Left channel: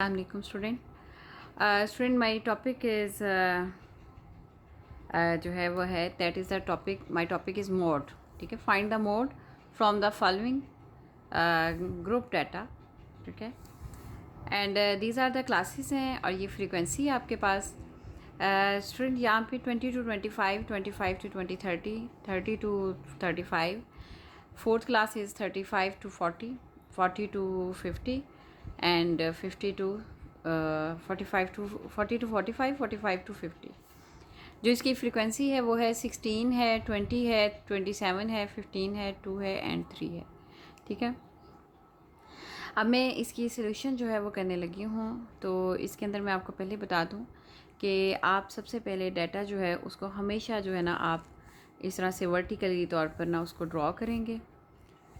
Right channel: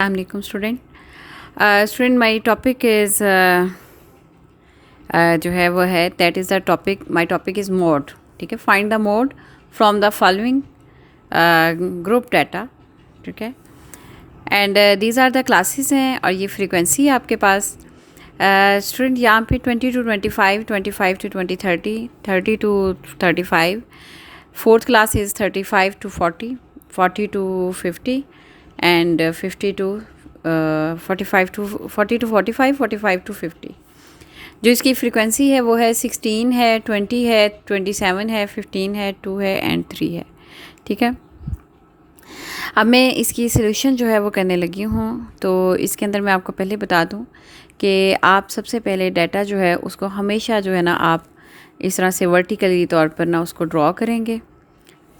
Assalamualaikum student. Student, my topic is जो है वो है that is the topic. My topic is mode. ठीक है, find the mode from the following group data. ठीक है, and these are the classes हैं और ये frequency है आपके पास. स्टूडेंट यहाँ पे 20 to 25, 25 to 20, 30, 30 to 35. Fourth class is 35 to 40, 40 to 50, and 50 to 45 to 40 to 45, 45 to 50. जो इसकी फ्रीक्वेंसी है वो है 16 है, 20 है, 27 है, 15 है, 2 है एंड 3 है. ठीक है, अब मैं इसकी सॉल्यूशन जो है वो करने लगी हूँ. तो इसके अंदर मैं आपको पहले बता दूँ कि आप सबसे पहले डाटा जो है उसको हमेशा जो है ना आप इस तरह से वर्टिकली तौर पर ना उसको ड्रॉ करेंगे.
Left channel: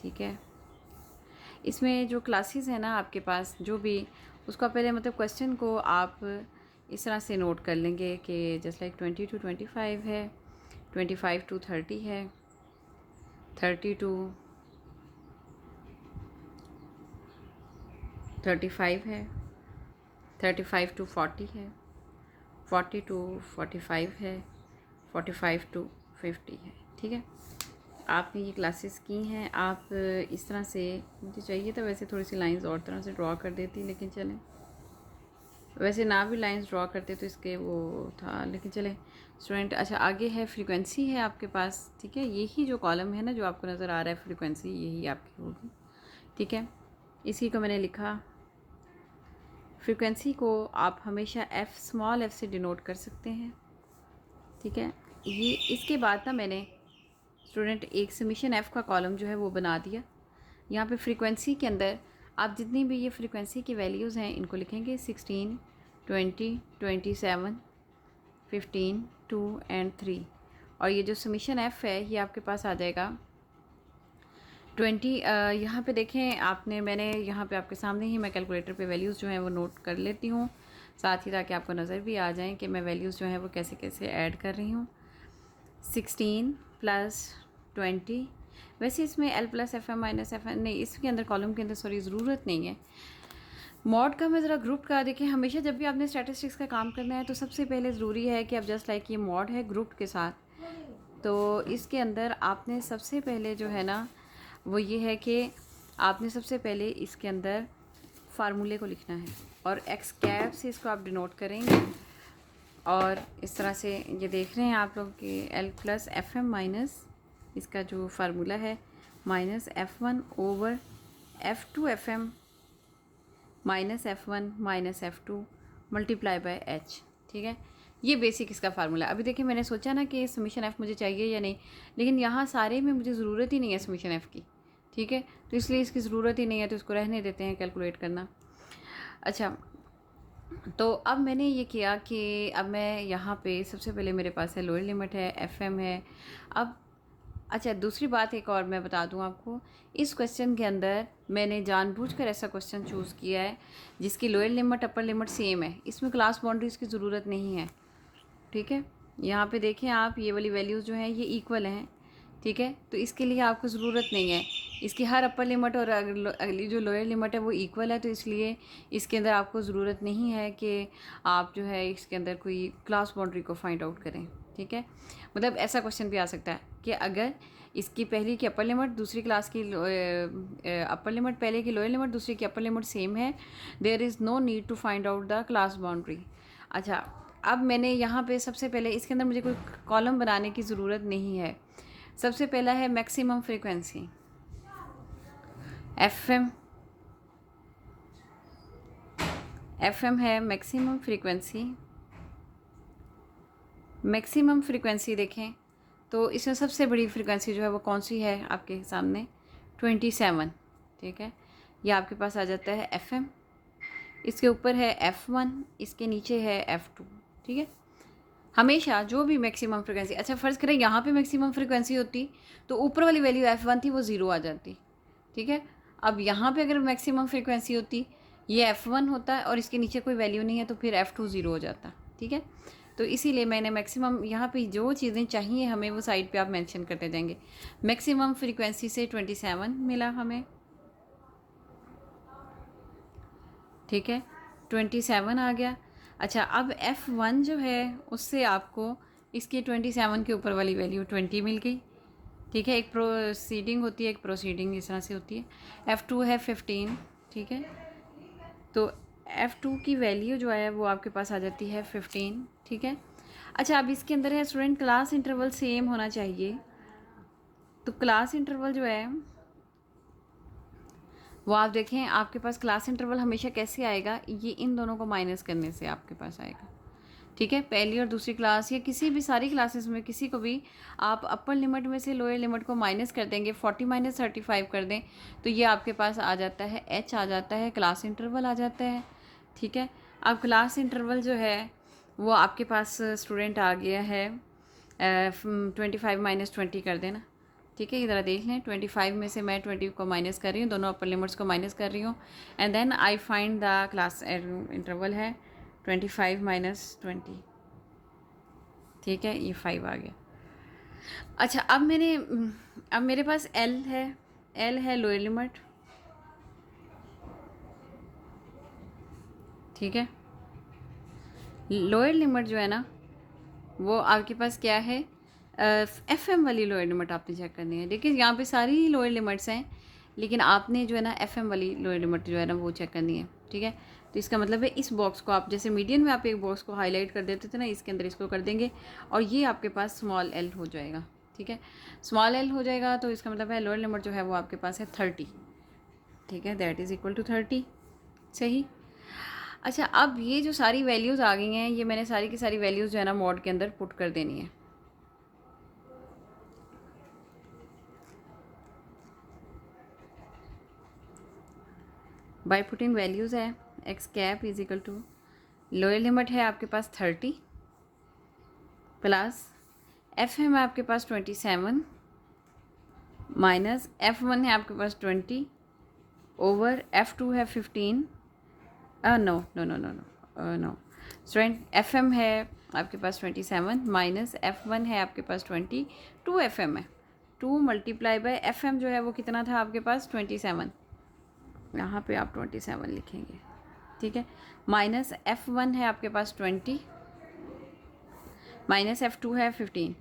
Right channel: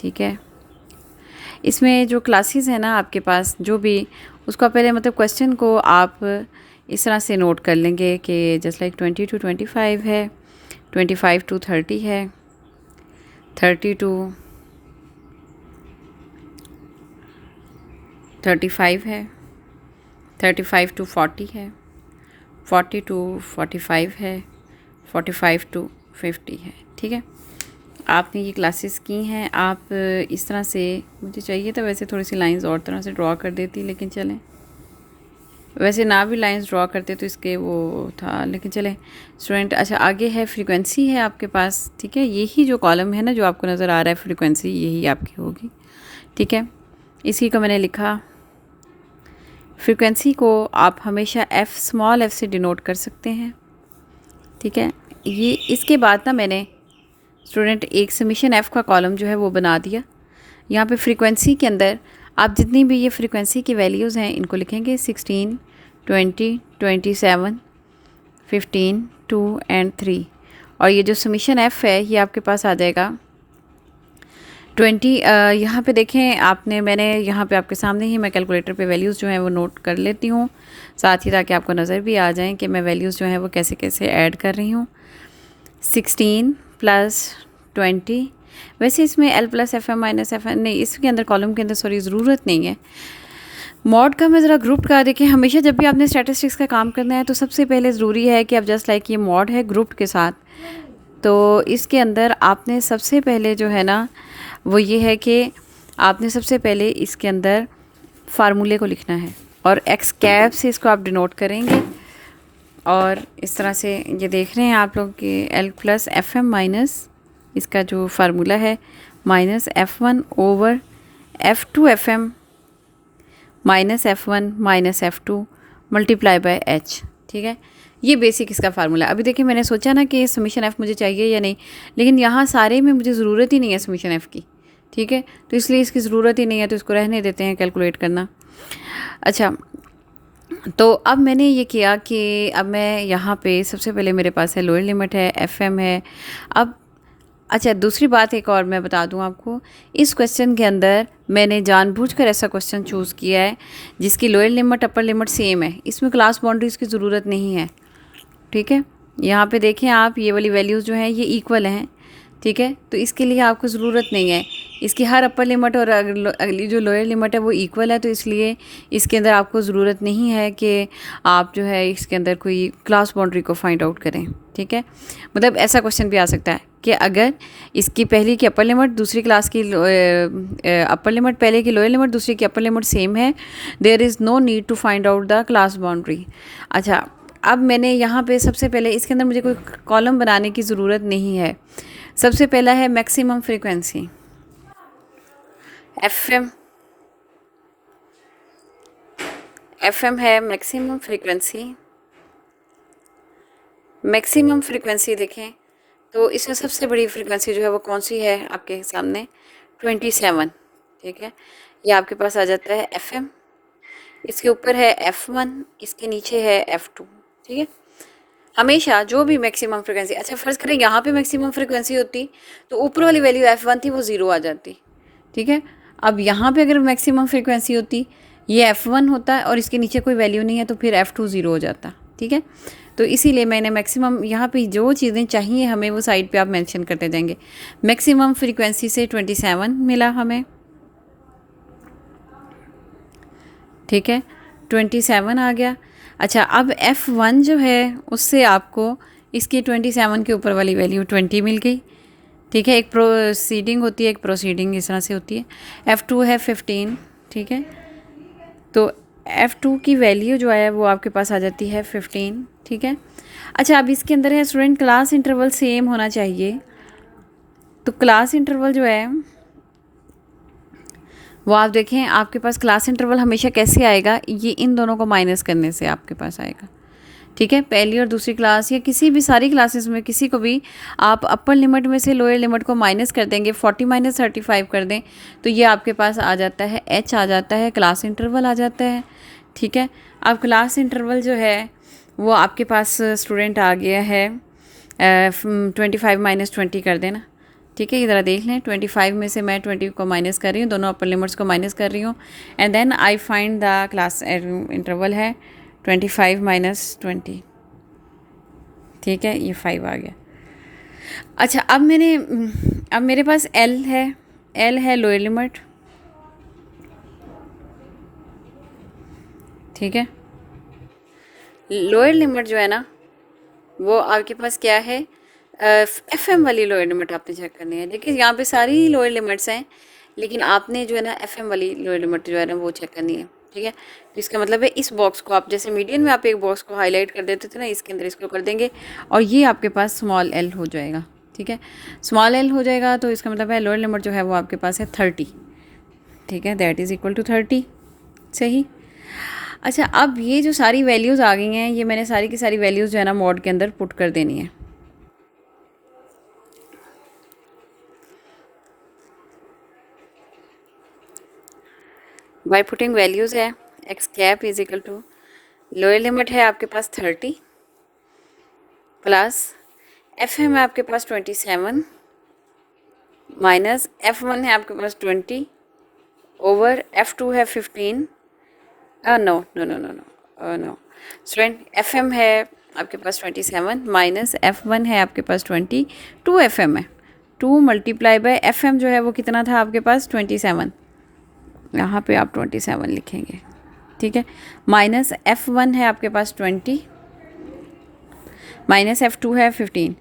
ठीक है, इसमें जो क्लासेस है ना आपके पास जो भी उसका पहले मतलब क्वेश्चन को आप इस तरह से नोट कर लेंगे कि जस्ट लाइक 20 to 25 है, 25 to 30 है, 30 to 35 है, 35 to 40 है, 40 to 45 है, 45 to 50 है. ठीक है, आपने ये क्लासेस की हैं. आप इस तरह से, मुझे चाहिए था वैसे थोड़ी सी लाइंस और तरह से ड्रॉ कर देती, लेकिन चलें, वैसे ना भी लाइंस ड्रॉ करते तो इसके वो था, लेकिन चलें स्टूडेंट. अच्छा, आगे है फ्रीक्वेंसी है आपके पास. ठीक है, यही जो कॉलम है ना जो आपको नज़र आ रहा है फ्रीक्वेंसी, यही आपकी होगी. ठीक है, इसी को मैंने लिखा. फ्रीक्वेंसी को आप हमेशा एफ़, स्मॉल एफ़ से डिनोट कर सकते हैं. ठीक है, ये इसके बाद ना मैंने स्टूडेंट एक समीशन एफ़ का कॉलम जो है वो बना दिया. यहाँ पे फ्रीक्वेंसी के अंदर आप जितनी भी ये फ्रीक्वेंसी की वैल्यूज़ हैं इनको लिखेंगे 16, 20, 27, 15, 2 एंड 3. और ये जो समीशन एफ़ है ये आपके पास आ जाएगा 20. यहाँ पे देखें आपने, मैंने यहाँ पे आपके सामने ही मैं कैलकुलेटर पे वैल्यूज़ जो हैं वो नोट कर लेती हूँ साथ ही, ताकि आपको नज़र भी आ जाए कि मैं वैल्यूज़ जो हैं वो कैसे कैसे ऐड कर रही हूँ. 16 प्लस 20. वैसे इसमें L plus F M minus F M नहीं, इसके अंदर कॉलम के अंदर सॉरी ज़रूरत नहीं है. मॉड का मैं ज़रा ग्रुप का देखिए. हमेशा जब भी आपने स्टैटिस्टिक्स का काम करना है तो सबसे पहले ज़रूरी है कि आप जस्ट लाइक ये मॉड है ग्रुप के साथ, तो इसके अंदर आपने सबसे पहले जो है ना वो ये है कि आपने सबसे पहले इसके अंदर फार्मूले को लिखना है और एक्स कैप से इसको आप डिनोट करेंगे. और इस तरह से ये देख रहे हैं आप लोग कि L plus F M minus इसका जो फार्मूला है minus F1 over F2 FM minus F1 minus F2 multiply by H. ठीक है, ये बेसिक इसका फार्मूला. अभी देखिए मैंने सोचा ना कि समीशन F मुझे चाहिए या नहीं, लेकिन यहाँ सारे में मुझे ज़रूरत ही नहीं है समीशन F की. ठीक है, तो इसलिए इसकी ज़रूरत ही नहीं है, तो इसको रहने देते हैं कैलकुलेट करना. अच्छा, तो अब मैंने ये किया कि अब मैं यहाँ पे सबसे पहले मेरे पास है लोअर लिमिट है, FM है. अब अच्छा, दूसरी बात एक और मैं बता दूं आपको, इस क्वेश्चन के अंदर मैंने जानबूझकर ऐसा क्वेश्चन चूज़ किया है जिसकी lower limit upper limit same है. इसमें क्लास बाउंड्रीज़ की ज़रूरत नहीं है. ठीक है, यहाँ पे देखें आप, ये वाली वैल्यूज़ जो हैं ये इक्वल हैं. ठीक है, तो इसके लिए आपको ज़रूरत नहीं है. इसकी हर अपर लिमिट और अगली जो लोअर लिमिट है वो इक्वल है, तो इसलिए इसके अंदर आपको ज़रूरत नहीं है कि आप जो है इसके अंदर कोई क्लास बाउंड्री को फाइंड आउट करें. ठीक है, मतलब ऐसा क्वेश्चन भी आ सकता है कि अगर इसकी पहली की अपर लिमिट दूसरी क्लास की अपर लिमिट पहले की लोअर लिमिट दूसरी की अपर लिमिट सेम है, there is no need to find out the class boundary. अच्छा, अब मैंने यहाँ पे सबसे पहले इसके अंदर मुझे कोई कॉलम बनाने की ज़रूरत नहीं है. सबसे पहला है मैक्सिमम फ्रीक्वेंसी FM है मैक्सिमम फ्रीक्वेंसी. मैक्सिमम फ्रीक्वेंसी देखें तो इसमें सबसे बड़ी फ्रीक्वेंसी जो है वो कौन सी है आपके सामने, 27. ठीक है, ये आपके पास आ जाता है FM. इसके ऊपर है F1, इसके नीचे है F2. ठीक है, हमेशा जो भी मैक्सिमम फ्रीक्वेंसी, अच्छा फ़र्ज़ करें यहाँ पे मैक्सिमम फ्रीक्वेंसी होती तो ऊपर वाली वैल्यू F1 थी वो ज़ीरो आ जाती. ठीक है, अब यहाँ पे अगर मैक्सिमम फ्रीक्वेंसी होती, ये F1 होता है और इसके नीचे कोई वैल्यू नहीं है, तो फिर F2 ज़ीरो हो जाता. ठीक है, तो इसीलिए मैंने मैक्सिमम यहाँ पे जो चीज़ें चाहिए हमें वो साइड पे आप मेंशन करते जाएंगे. मैक्सिमम फ्रीक्वेंसी से 27 मिला हमें. ठीक है, 27 आ गया। अच्छा, अब F1 जो है उससे आपको इसकी 27 के ऊपर वाली वैल्यू 20 मिल गई। ठीक है, एक प्रोसीडिंग होती है, एक प्रोसीडिंग इस तरह से होती है। F2 है 15। ठीक है, तो F2 की वैल्यू जो है वो आपके पास आ जाती है 15। ठीक है, अच्छा अब इसके अंदर है स्टूडेंट क्लास इंटरवल सेम होना चाहिए। तो क्लास इंटरवल जो है वो आप देखें, आपके पास क्लास इंटरवल हमेशा कैसे आएगा, ये इन दोनों को माइनस करने से आपके पास आएगा। ठीक है, पहली और दूसरी क्लास या किसी भी सारी क्लासेस में किसी को भी आप अपर लिमिट में से लोअर लिमिट को माइनस कर देंगे, 40 माइनस 35 कर दें तो ये आपके पास आ जाता है h आ जाता है, क्लास इंटरवल आ जाता है। ठीक है, अब क्लास इंटरवल जो है वो आपके पास स्टूडेंट आ गया है 25 माइनस 20 कर देना। ठीक है, इधर देख लें, 25 में से मैं 20 को माइनस कर रही हूँ, दोनों अपर लिमिट्स को माइनस कर रही हूँ, and then I find the class interval है 25 माइनस 20। ठीक है, ये 5 आ गया। अच्छा, अब मेरे पास L है लोअर लिमिट। ठीक है, लोअर लिमिट जो है ना वो आपके पास क्या है, FM वाली लोअर लिमिट आपने चेक करनी है। देखिए यहाँ पे सारी लोअर लिमिट्स हैं, लेकिन आपने जो है ना FM वाली लोअर लिमिट जो है ना वो चेक करनी है। ठीक है, तो इसका मतलब है इस बॉक्स को आप जैसे मीडियन में आप एक बॉक्स को हाईलाइट कर देते थे ना, इसके अंदर इसको कर देंगे और ये आपके पास स्मॉल l हो जाएगा। ठीक है, स्मॉल l हो जाएगा तो इसका मतलब है लोअर लिमिट जो है वो आपके पास है 30। ठीक है, दैट इज़ इक्वल टू 30। सही। अच्छा, अब ये जो सारी वैल्यूज़ आ गई हैं, ये मैंने सारी की सारी वैल्यूज़ जो है ना मॉड के अंदर पुट कर देनी है। बाय पुटिंग वैल्यूज़ है X cap is equal to lower limit है आपके पास 30 प्लस FM है आपके पास 27 माइनस F1 है आपके पास 20 ओवर F2 है 15। No no no no no no student, FM है आपके पास 27 माइनस F1 है आपके पास 20, 2 FM है, 2 मल्टीप्लाई बाय FM जो है वो कितना था आपके पास 27, यहाँ पे आप 27 लिखेंगे। ठीक है, माइनस F1 है आपके पास 20 माइनस F2 है 15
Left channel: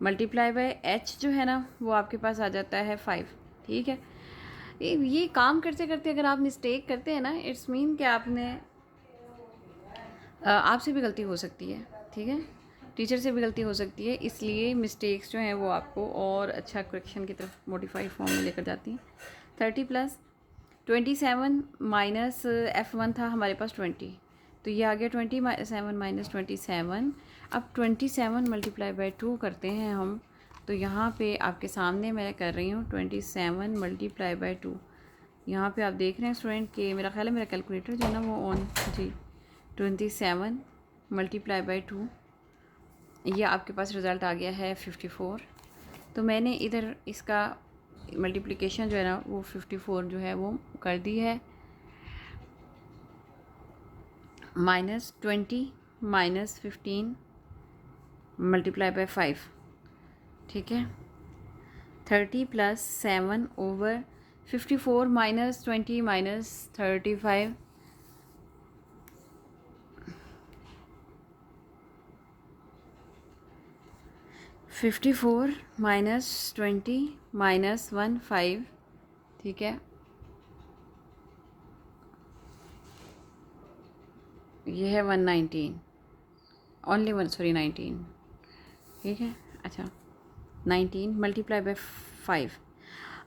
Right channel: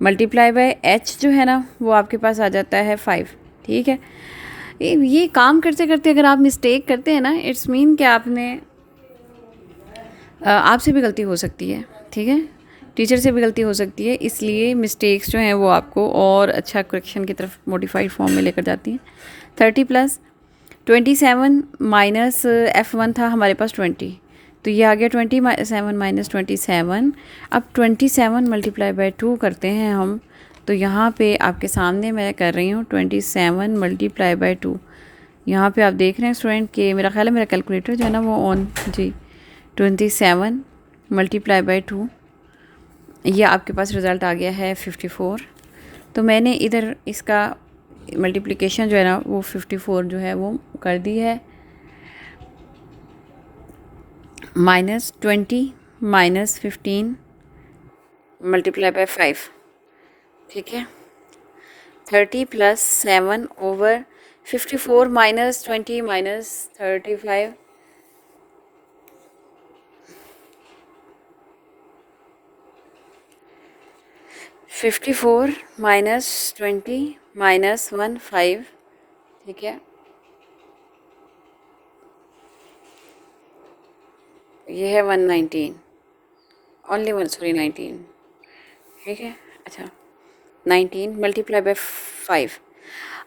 मल्टीप्लाई बाय H जो है ना वो आपके पास आ जाता है 5। ठीक है, ये काम करते करते अगर आप मिस्टेक करते हैं ना, इट्स मीन कि आपसे भी गलती हो सकती है। ठीक है, टीचर से भी गलती हो सकती है, इसलिए मिस्टेक्स जो हैं वो आपको और अच्छा करेक्शन की तरफ मॉडिफाइड फॉर्म में लेकर जाती हैं। 30 प्लस 27 माइनस F1 था हमारे पास 20, तो ये आ गया 27 माइनस 27। अब 27 मल्टीप्लाई बाय 2 करते हैं हम, तो यहाँ पे आपके सामने मैं कर रही हूँ 27 मल्टीप्लाई बाय 2। यहाँ पे आप देख रहे हैं स्टूडेंट कि मेरा ख्याल है मेरा कैलकुलेटर जो है ना वो ऑन जी, 27 मल्टीप्लाई बाय 2, ये आपके पास रिज़ल्ट आ गया है 54। तो मैंने इधर इसका मल्टीप्लिकेशन जो है ना वो 54 जो है वो कर दी है, माइनस 20 माइनस 15 मल्टीप्लाई बाय 5। ठीक है, 30 plus 7 over 54 minus 20 minus 35 54 minus 20 minus 15। ठीक है, ये है 119 ओनली 19। ठीक है, अच्छा 19 मल्टीप्लाई बाय 5।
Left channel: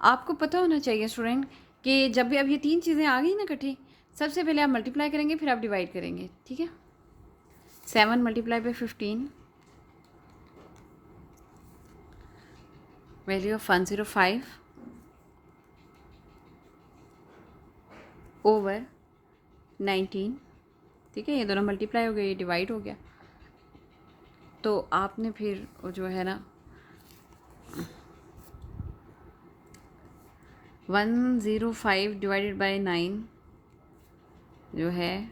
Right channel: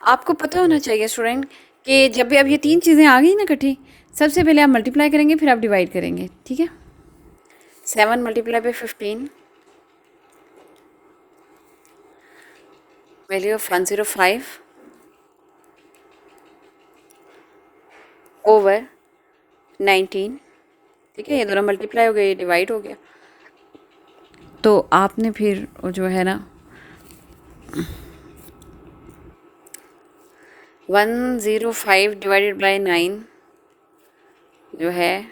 आपको पता होना चाहिए स्टूडेंट कि जब भी अब ये तीन चीज़ें आ गई ना इकट्ठी, सबसे पहले आप मल्टीप्लाई करेंगे फिर आप डिवाइड करेंगे। ठीक है, 7 multiply by 15 value of 105 over 19। ठीक है, ये दोनों मल्टीप्लाई हो गए, ये डिवाइड हो गया, तो आपने फिर जो है ना 105 डिवाइडेड बाय 9 जो है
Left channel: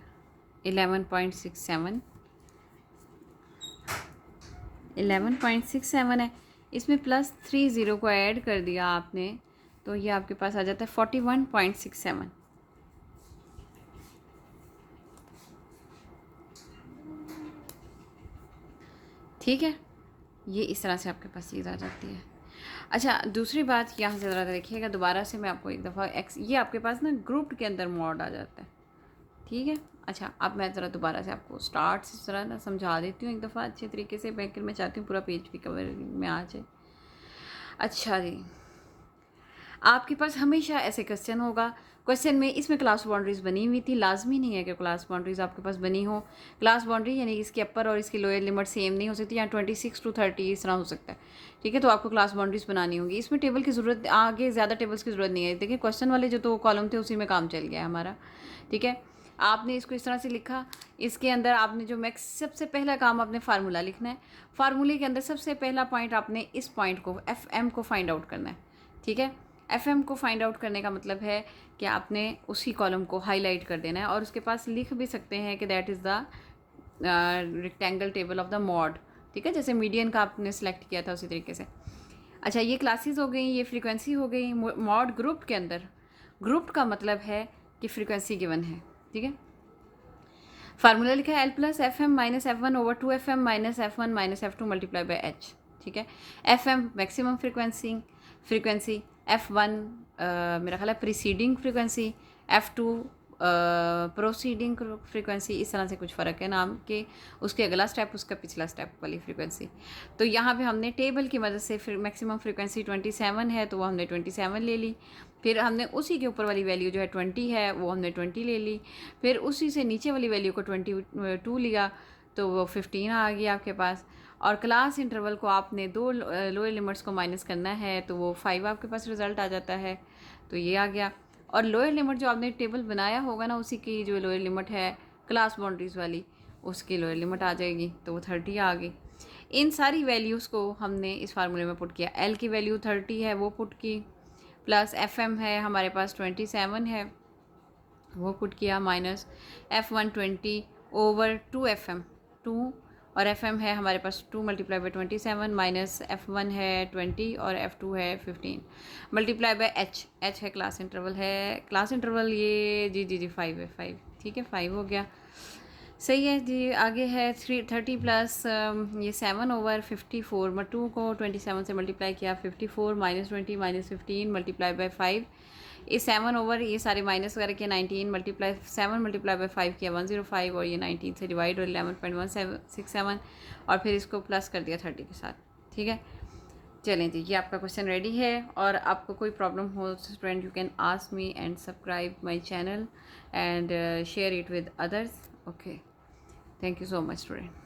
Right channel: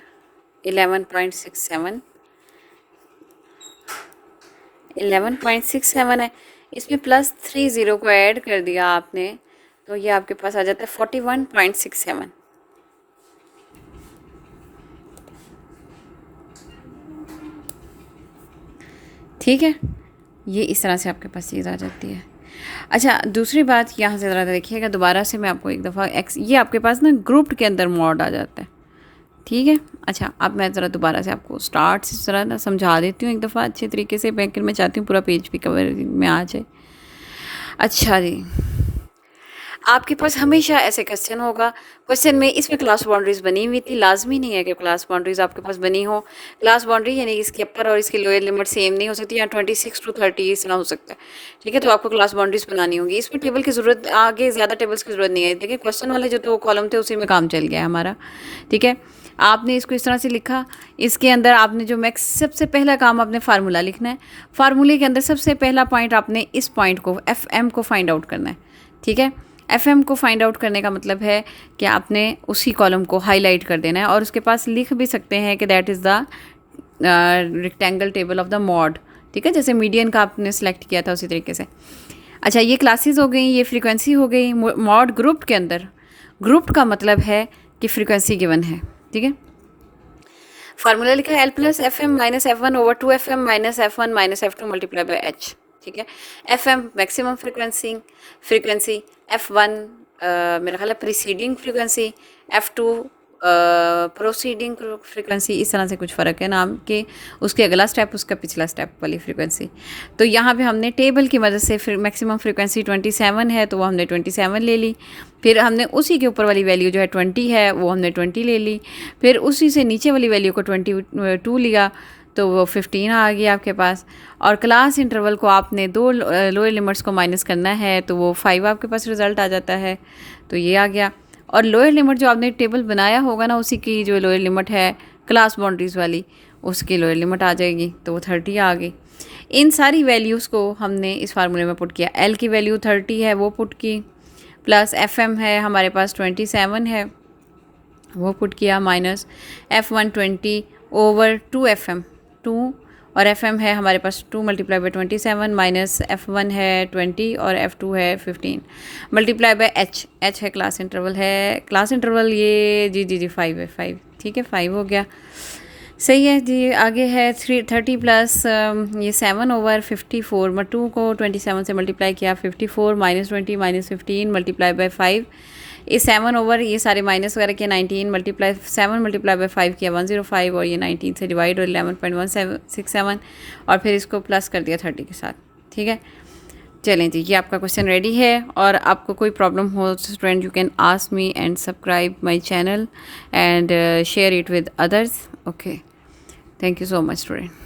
11.67 है। इसमें प्लस 3 ज़ीरो को ऐड कर दिया आपने, तो ये आपके पास आ जाता है 41.67। ठीक है, ये इस तरह से आपके पास चीज़ आ जाती है। अच्छा, दूसरी बात यहाँ से ज़रा देखिएगा, दोबारा से मैं आपको एक दफ़ा ये आपके पास ना ग्रुप्ड के अंदर मॉड आ जाता है, ठीक है। अच्छा, अब मैं ज़रा दोबारा से आपको स्टार्ट से ज़रा ना समझा देती हूँ एक दफ़ा अच्छे तरीके से, मैं चाहती हूँ पूरा पेज भी कवर में आ जाए। अच्छा जी, आपके पास हमेशा ऐसे क्वेश्चन होगा, क्वेश्चन में इसमें क्लास बाउंड्रीज़ बनी हुई थी, लाजमी नहीं है कि क्लास बाउंड्रीज़ आपके पास बनी हो। क्लास बाउंड्री यानी इसके अपर और इसकी लोअर लिमिट सेम नहीं हो सकती, या 26 to 30 इस तरह हो सकता है, ठीक है। तो आपको क्लास बाउंड्रीज़ बनानी होगी। इसमें टेबल की ज़रूरत, आगे ज़्यादा टेबल्स की ज़रूरत नहीं है। देखिए क्वेश्चन वाले जो तो कॉलम थे उसी में काम चल गया है हमारा, ठीक है। आपने इसको इस तरह से लिखा, इसके अंदर आपने जो मैक्स सबसे पहला काम आपने फार्मूला लिखना है। फार्मूले के अंदर सबसे पहला पॉइंट आपने इस पॉइंट को FM को फाइंड आउट करना है, ठीक है। FM को फाइंड आउट करने का मतलब है कि आपने उसी कॉलम को हाईलाइट कर देना है, और उसके पास लिख भी सकते हैं कि that is the rectangle table of the mod, ठीक है। जैसे मीडियन का आपने सेलेक्ट किया था उसी तरीके से। अच्छा, ये क्लासेस हो गई, ये फ्रीक्वेंसी हो गई। मॉड ग्रुप के अंदर, ग्रुप का मतलब है कि फ्रीक्वेंसी गिवन है, ठीक है। फार्मूला लिखा है L+FM - F1 over 2FM - F1 - F2 multiply by H, ठीक है। FM मैक्सिमम फ्रीक्वेंसी, F1 मेरा ख्याल है preceding frequency, F2 proceeding frequency, इस तरह से कुछ फ़र्क है नाम के, उसके अगला स्टेप उसका पिछला स्टेप वाली फ्रीक्वेंसी। तो यहाँ पे हमने टेबल की मदद से मैक्सिमम फ्रीक्वेंसी 27 है तो वो हमने 27 ले ली। फिर हमने उसी के ऊपर वाली वैल्यू जो है 20 है वो हमने 20 ले ली। फिर उसी से नीचे वाली वैल्यू को 22 लिया तो वो 15 आ गया आपके पास। और क्लास इंटरवल को आपने दो लोअर लिमिट्स को माइनस करना है तो वो 5 आपके पास रिज़ल्ट आ जाता है, तो ये आ गया। और लोअर लिमिट जो आपने टेबल बनाया होगा ना, उसी की जो लोअर लिमिट है क्लास बाउंड्रीज़ वाली, उसकी लोअर लिमिट आ जाएगी, तो वो 30 आ गई। इन सारी वैल्यूज़ को हमने इस फार्मूले में पुट किया। L की वैल्यू 30 है वो पुट की, प्लस FM है हमारे पास 27 है वो पुट किया, माइनस F1 20 ओवर 2FM 2, और FM है हमारे पास 2 मल्टीप्लाई बाई 27 माइनस F1 है 20 और F2 है 15 मल्टीप्लाई बाई H है क्लास इंटरवल है, क्लास इंटरवल ये जी 5 है, 5, ठीक है, 5 हो गया, सही है जी। आगे है 30 प्लस ये 7 ओवर 54, 2 को 27 से मल्टीप्लाई किया, 54 माइनस 20 माइनस 15 मल्टीप्लाई बाई 5, ये 7 ओवर ये सारे माइनस वगैरह किया, 19 मल्टीप्लाई 7 मल्टीप्लाई बाई 5 किया 105, और ये 19 से डिवाइड और 11.167 और फिर इसको प्लस कर दिया 30 के साथ, ठीक है। चलें जी, ये आपका क्वेश्चन रेडी है। और आपको कोई प्रॉब्लम हो student, you can ask me and subscribe my channel and share it with others. Okay, thank you so much student.